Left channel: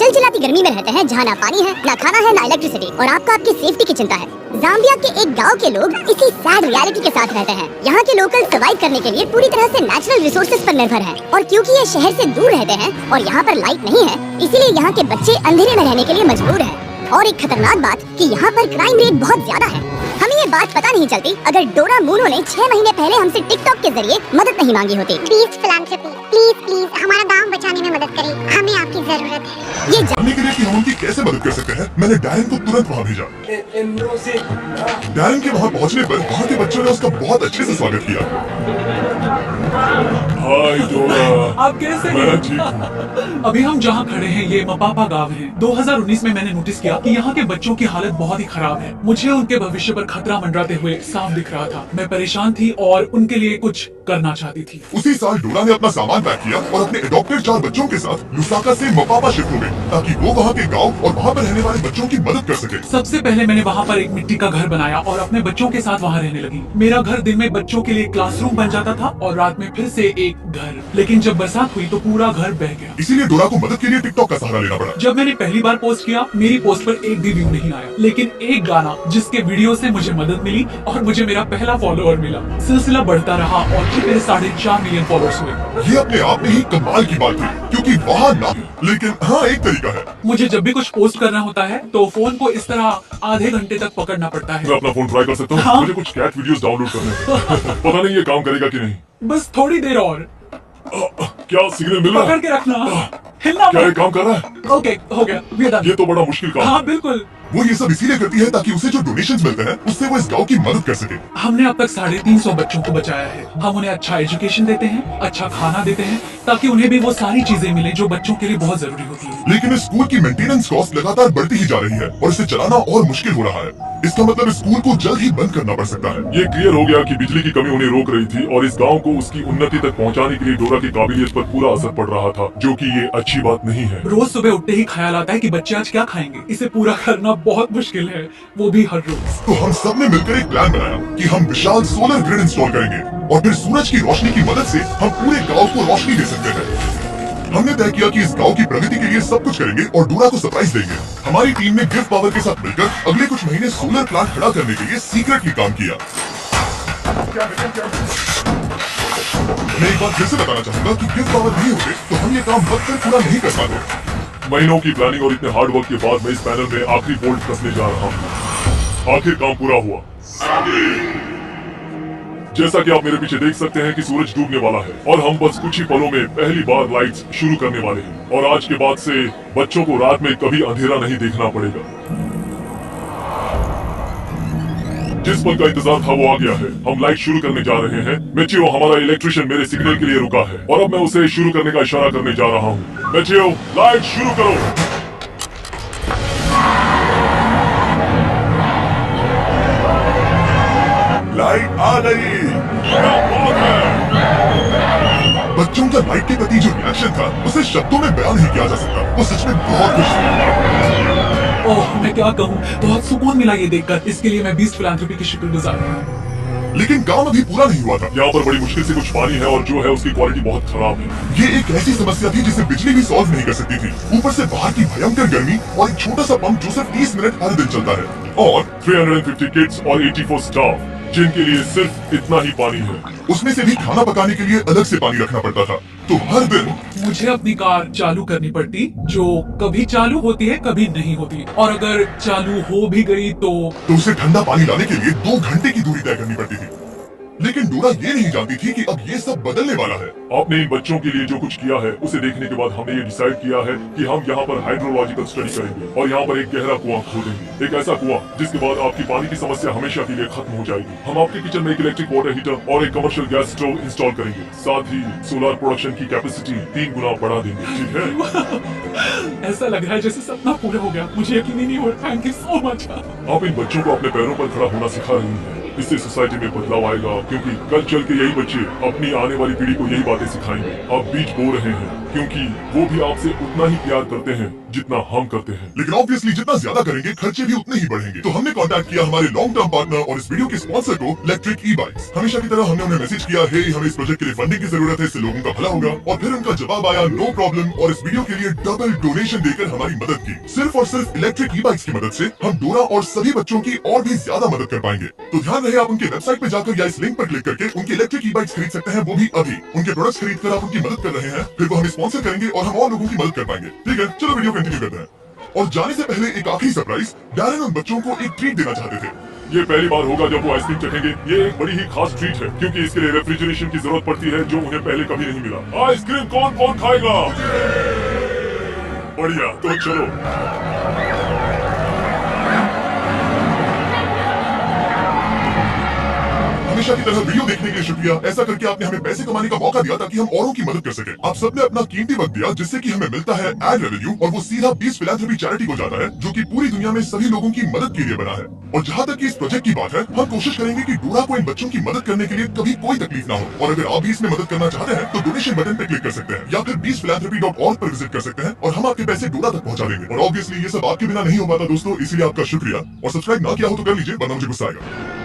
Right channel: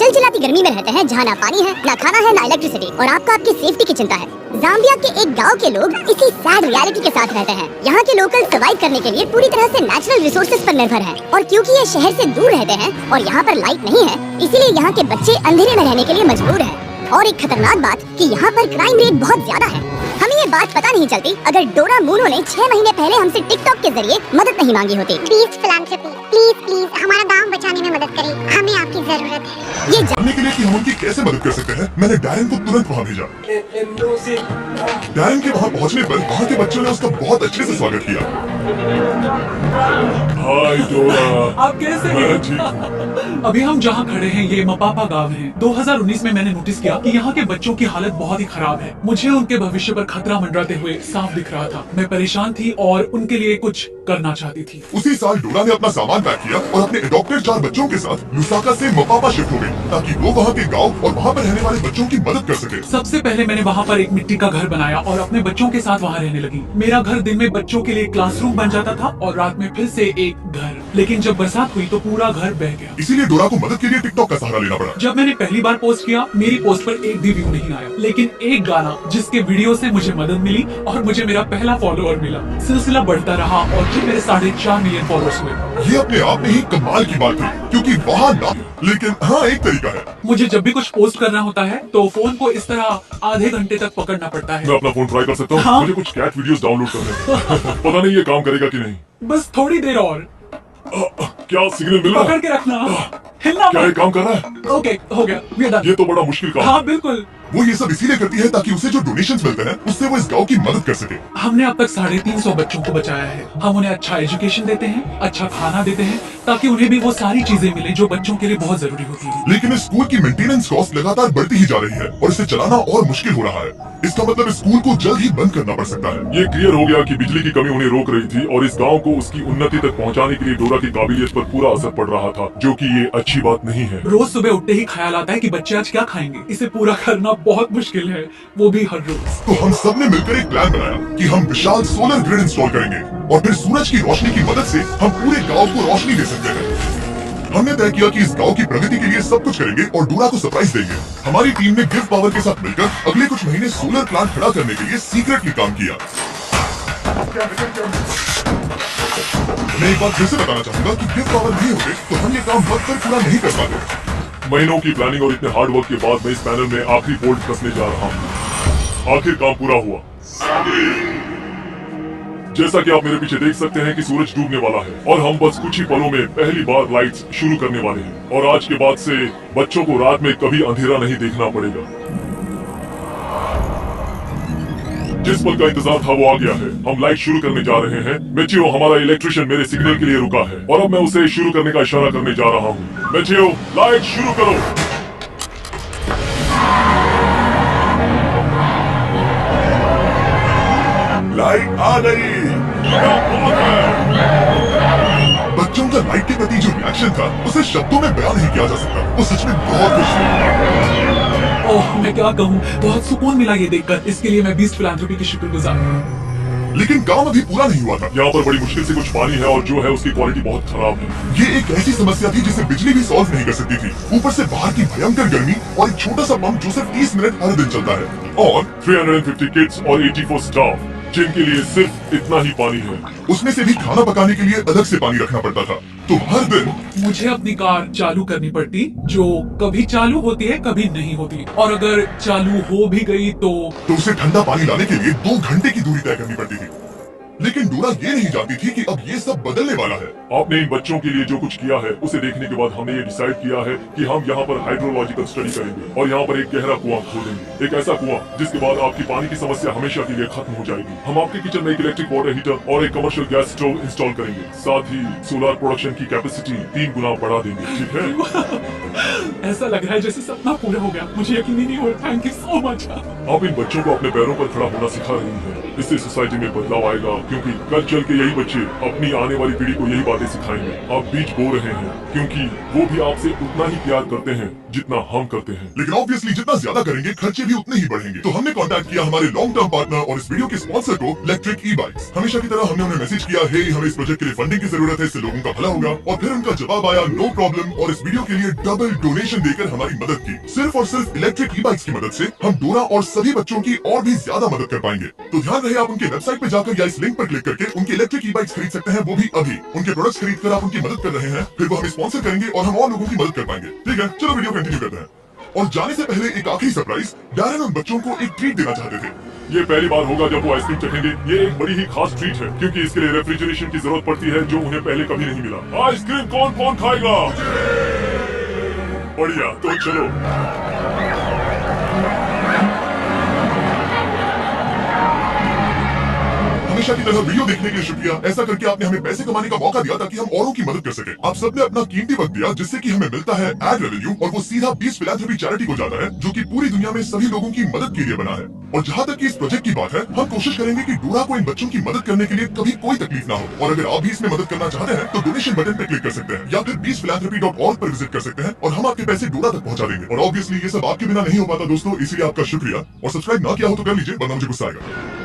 चिलचिलाती गर्मी में रहते हैं जहाँ ना पानी है, ना खाना है, ना इलेक्ट्रिसिटी, और आपको आपकी सेफ्टी की चिंता है। जाम्बिया के एक गांव के लोग इसी सैड रियलिटी के साथ रहते हैं। यहाँ के लोकल सर्वाइव करने के लिए पूरी तरह से नेचुरल रिसोर्सेज पर निर्भर हैं, और क्योंकि ये शहर से दूर रहते हैं और यहाँ पर लाइट नहीं है, इसीलिए यहाँ के बच्चे अंधेरे में रहने के लिए मजबूर हैं। और एक खतरनाक बात कि यहाँ पर क्राइम रेट बहुत ज्यादा है। हमें ये बात पता नहीं चलती अगर डोरा मूनो ने 6 महीने पहले हमसे टिकटॉक के जरिए मदद नहीं मांगी होती। प्लीज फिलैंथ्रोपी, प्लीज हमारा गांव बचाने में मदद करें, हमें आपकी जरूरत है। ये जानने के लिए कि हम उनकी कैसे मदद कर सकते हैं, मैंने डैरन को तुरंत वहाँ भेजा। डैरन के वहाँ पहुँचने पर वहाँ के बच्चों ने उसका बहुत अच्छे से स्वागत किया। हाय डोरा, आप कैसे हैं? मैं ठीक हूँ। अभी हम जहाँ खड़े हैं ये मपापा गांव है। 2019 में मैंने नोटिस किया कि यहाँ के बच्चों की हालत बहुत ही खराब है। मुझे उनके भविष्य पर खतरा मंडराते हुए साफ दिख रहा था। मैं परेशान थी और उनके लिए कुछ करना चाहती थी। उसी साल डोरा ने अपना सामान पैक किया और अपने अडॉप्टेड 4 बच्चों के साथ लुसाका से मपापा शिफ्ट हो गई, ताकि वो वहाँ के गांव और वहाँ पर रहने वाले बच्चों की मदद कर सके। सबसे पहले मैंने वहाँ पर एक मिट्टी का घर बनाया और अपने बच्चों के साथ वहाँ रहने लगी। मेरा घर दिन में बच्चों के लिए क्लासरूम बन जाता था और रात में फिर से एक घर। लेकिन जब बरसात हुई तो पूरा घर बह गया। इसीलिए डोरा को मदद के लिए टिकटॉक का सहारा लेना पड़ा। जब मैंने पहली बार पोस्ट किया, मेरी पोस्ट पर एक भी व्यू नहीं आया, लेकिन एक गाना जिसके वीडियो से मुझे मदद मिली और मुझे मेरा पहला फॉलोअर मिला। सिलसिला बढ़ता रहा और फिर मेरे 4.5 मिलियन फॉलोअर्स हुए। ये अपने आप में ही कमाल की बात थी, क्योंकि वहाँ ना, लेकिन हाँ एक तरीका है। मुझे जब भी कुछ पोस्ट करना होता है तो फोन को इस तरह आधे घंटे तक पकड़ना पड़ता है। मैं अपना फोन ट्राई कर सकता हूँ? हाँ? मुझे कुछ कैट वीडियोस डाउनलोड करने हैं। पता नहीं ये काम करेगा कि नहीं। बस थोड़ी देर और। क्या सिग्नल मिल रहा पकड़ है? के रखना, हिलना क्या ये मत। काम कर रहा है? ओके, हो गया, we are done। ये तो बड़ा मुश्किल काम है। हाँ बिल्कुल। वो ये सब इसीलिए करती है ताकि उसे जो डोनेशंस मिलते हैं उससे वो इस गांव की मदद कर सके। हमने अब तक 350 बच्चों को बचाया है। हम उन्हें अच्छा एजुकेशन देते हैं, अच्छा खाना देते हैं, ताकि उन्हें भी वो सारी चीजें मिले जो बच्चों के लिए बहुत जरूरी होती है। लेकिन इस स्कूल की मेंटेनेंस कॉस्ट लगातार बढ़ती ही जा रही है और इसे चलाना और मुश्किल हो रहा है। इसका मतलब इस स्कूल को जल्द ही बंद करना पड़ सकता है। ये क्लियर हो गया कि बिजली की कमी उन्हें रोक रही थी और इस गांव को उसकी उन्नति तक पहुंचाने के लिए डोरा की काबिलियत पर पूरा असर पड़ रहा था, जो कि ये अच्छी बात नहीं है। रोज सुबह उठते ही ख्याल आता है कि बच्चे आज क्या खाएंगे। इसे पूरा करना बहुत मुश्किल है, वो भी हर रोज। तो हम सब ने मिलकर एक प्लान बनाया कि हम विशाल सोलर ग्रिड इंस्टॉल करेंगे और फिर सूरज की रोशनी की मदद से हम पूरे गांव को रोशनी दे सकते हैं। हमने तय किया कि इस गांव की प्रगति के लिए सब कुछ करेंगे और डोरा को सरप्राइज देंगे। हमारी टीम ने गिव पावर के साथ मिलकर अगले कुछ महीने सोलर प्लांट खड़ा करने के लिए सीक्रेटली काम किया। मैं एक बार फिर से बताना चाहूंगा कि गिव पावर नहीं होते तो हम ये काम वक्त पर पूरा नहीं कर पाते। महीनों की प्लानिंग और इतने हार्ड वर्क के बाद मैं इस पैनल में आखिरी बोल्ट कसने जा रहा हूँ। आखिर काम पूरा हुआ। जैसा कि आप मेरे पीछे देख सकते हैं कि सूरज डूबने वाला है और हम बस कुछ ही पलों में पहली बार लाइट्स शुरू करने वाले हैं। और आज के बाद से बच्चों को रात में कभी अंधेरा नहीं देखना पड़ेगा। जिस पल का इंतजार था वो आ गया है। हम लाइट शुरू करने जा रहे हैं। मैचियो, हमारा इलेक्ट्रिशियन मेरे सिग्नल के लिए रुका है और अब मैं उसे शुरू करने का इशारा करने जा रहा हूँ। मैचियो, लाइट शुरू करो। लाइट आ गई। क्या बात है। बच्चों का लाइट के प्रति जो रिएक्शन था उसे शब्दों में बयान नहीं किया जा सकता। वो सच में बहुत खुश थे। ओह, मैं क्या कहूँ, बहुत सुकून मिला ये देखकर। इसके लिए मैं बीस्ट फिलैंथ्रोपी की शुक्रगुजार हूँ। लेकिन काम अभी पूरा नहीं हुआ था। यहाँ पर बड़ी मुश्किल से कुछ पानी है और जो है उसकी क्वालिटी बहुत खराब है। ये एक ऐसी समस्या थी जिसे बिजली भी सॉल्व नहीं कर सकती थी। ऊपर से बाहर की भयंकर गर्मी और एक छोटा सा पंप जो सिर्फ 30 मिनट हर दिन चलता है और 350 किड्स और 84 स्टाफ जिनके लिए सिर्फ इतना ही पानी है। उसमें से भी खाना पकाने के लिए अलग से पानी रखना पड़ता था। तो हर दिन मुझे अपनी कार चालू करनी पड़ती, जो कभी चालू होती है कभी नहीं होती, और अगर चालू हो भी गई तो उसे ठंडा पानी लाने के लिए 2 घंटे की दूरी तय करनी पड़ती थी। लेकिन डोरा ये नहीं जानती थी कि अब ये सब बदलने वाला है। आपने इन बच्चों के लिए जो कुछ किया है उसे देखने के बाद हमने ये डिसाइड किया है कि हम यहाँ पर हाइड्रोलॉजिकल स्टडी करेंगे और यहाँ पर एक गहरा कुआं खोदेंगे। एक ऐसा कुआं जिसके बाद आपकी पानी की समस्या हमेशा के लिए खत्म हो जाएगी। हम आपके किचन में एक इलेक्ट्रिक वाटर हीटर और एक कमर्शियल गैस स्टोव इंस्टॉल करेंगे। साथ ही सोलर प्रोडक्शन की कैपेसिटी 3 गुना बढ़ा देंगे। ठीक है? ऐसा लग रहा है जैसे सपना पूरा हो गया। मुझे यकीन ही नहीं हो रहा। Thank you so much. आप इन बच्चों को अपने पैरों पर खड़ा होना सिखा रही हैं। इससे सोसाइटी में बदलाव आएगा, क्योंकि कल चल के यही बच्चे अपनी आने वाली पीढ़ी को यही बातें सिखाएंगे। आप बीज बो रहे हैं क्योंकि वो भी आपसे उतना ही प्यार करते हैं जितना हम करते हैं। लेकिन ऑब्वियसली जितना ज्यादा करेंगे खर्चे भी उतने ही बढ़ेंगे। तो हमने कांटेक्ट किया हमारे लॉन्ग टर्म पार्टनर और इस वीडियो के स्पॉन्सर को, इलेक्ट्रिक ई बाइक्स। हमेशा की तरह हमने उन्हें मैसेज किया, हे हमें इस प्रोजेक्ट के लिए फंडिंग की जरूरत है, इससे लोगों का भला होगा। और फिर उनका जवाब आया, नो प्रॉब्लम, और इस वीडियो के लिए डबल डोनेशन देकर हमारी मदद की। सिर्फ और सिर्फ इलेक्ट्रिक ई बाइक्स की मदद से हम डोरा और सभी बच्चों की और भी ज्यादा मदद कर पाएंगे। तो ध्यान रहे, आप उनके वेबसाइट पे जाकर या इस लिंक पर क्लिक करके उनके इलेक्ट्रिक ई बाइक्स खरीद सकते हैं, वो भी अभी। उनके प्रोडक्ट्स खरीद कर आप उनकी मदद कर रहे हैं, फिर वो हमें स्पॉन्सर करेंगे और हम और लोगों की मदद कर पाएंगे। ठीक है, चलो वीडियो कंटिन्यू करते हैं। और जाने से पहले एक आखिरी सरप्राइज, डैरेन उन बच्चों को एक ट्रीट देना चाहते थे। ये पहली बार होगा जब वो आइसक्रीम चखेंगे। ये एक बड़ी ही खास ट्रीट है क्योंकि इसके लिए रेफ्रिजरेशन की जरूरत पड़ती है, जो उन्हें पहले कभी नहीं मिला। आइसक्रीम कौन कौन खाएगा? बढ़िया, तो चलो। हमेशा की तरह वीडियो देखने के लिए शुक्रिया। ऐसा करके आपने हमें पैसे कमाने का मौका दिया ताकि हम औरों की मदद कर सके। आप सबने अपना कीमती वक्त दिया, जिससे कि हमें मिलता है एड रेवेन्यू, और वो सीधा 20 फिलैंथ्रोपी चैरिटी को जाता है, जो कि पूरी दुनिया में सभी लोगों की मदद के लिए बना है। और जहाँ तक कि इस प्रोजेक्ट की बात है, हम कोशिश करेंगे कि डोरा को इन बच्चों की मदद करने के लिए कभी कोई तकलीफ ना हो। और अगर आप भी इसमें मदद करना चाहते हैं तो डोनेशन बटन पे क्लिक कर सकते हैं या फिर 20philanthropy.org पर विजिट कर सकते हैं और हम आपके पैसे डोरा तक पहुंचा देंगे। और ऑब्वियसली ये सब आपके बिना नहीं हो पाता दोस्तों, इसीलिए आपका शुक्रिया। और सब्सक्राइब ना किया हो तो कर लीजिए, वरना मुझे गुस्सा आएगा।